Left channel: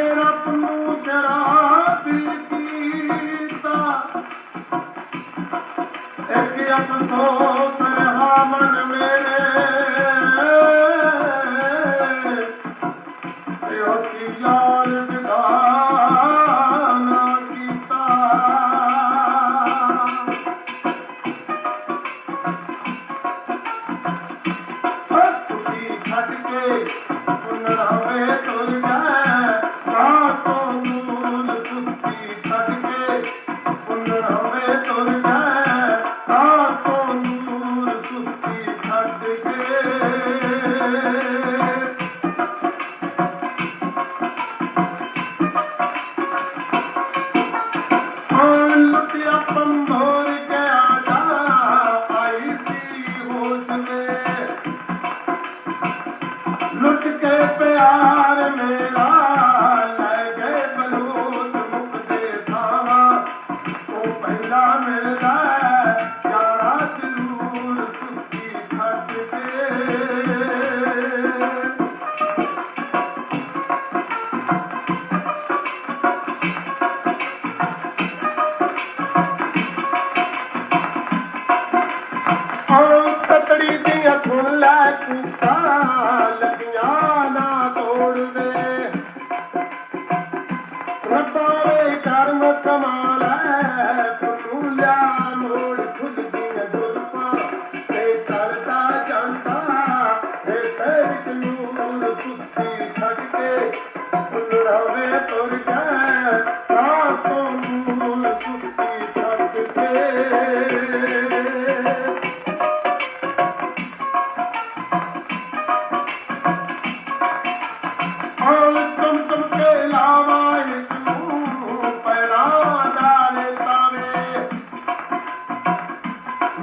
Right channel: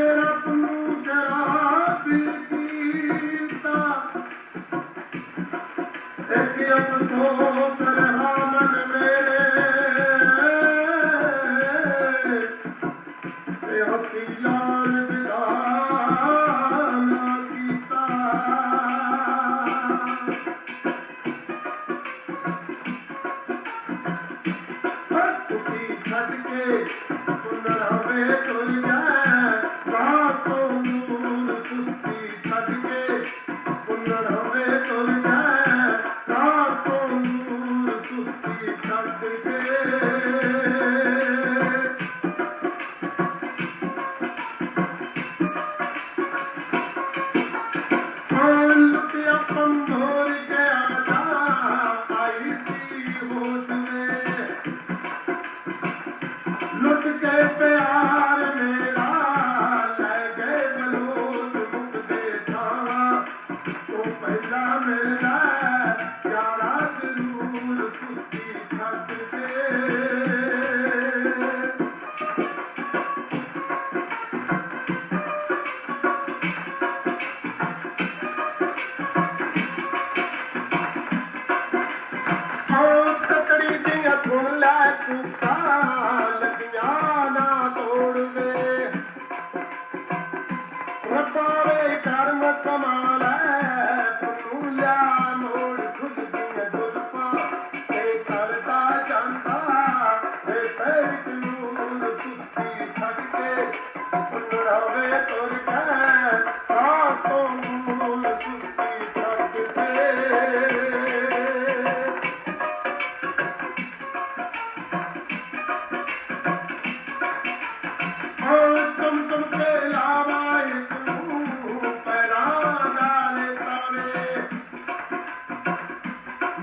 Oh, مو کرا लॻियां न तोड़े कर्म कमाल तूं मोड़ियुनि जा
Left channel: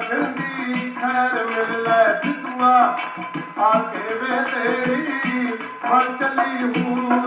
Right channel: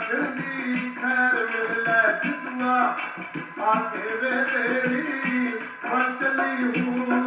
I'll give it to you. I'll tell you.